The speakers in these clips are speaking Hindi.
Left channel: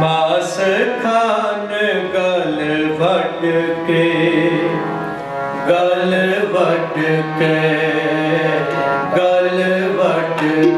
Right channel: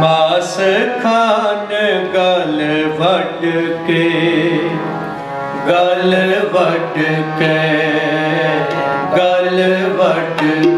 मास खान गल भट के गल भट के गल भट के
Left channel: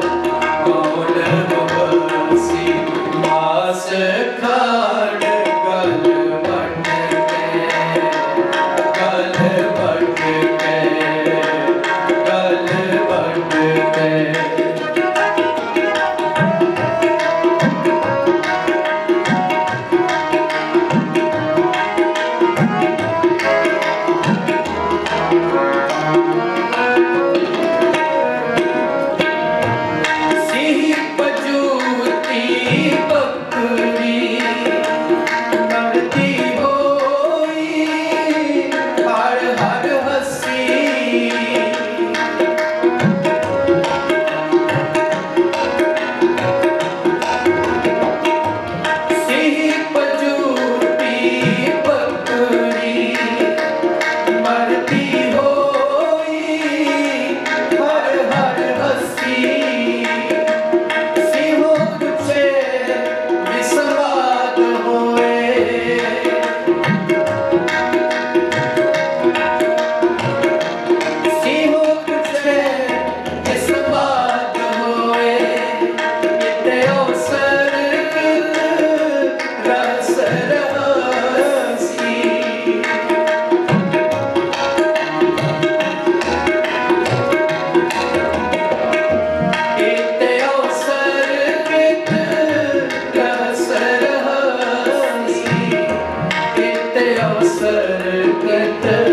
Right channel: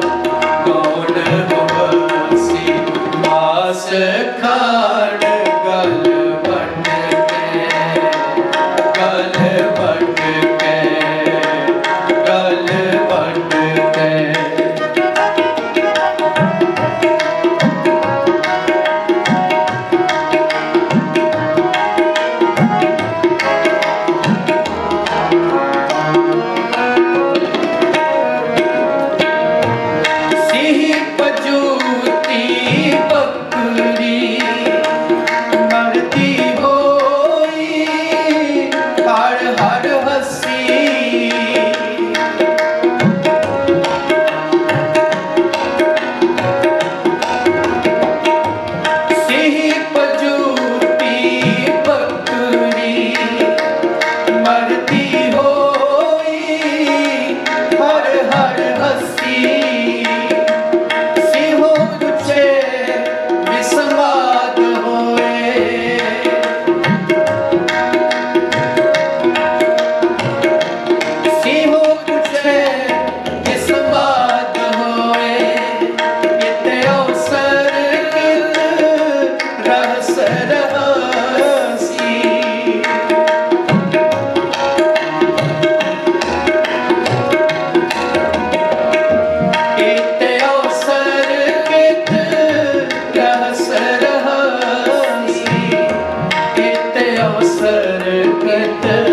sarı kıtır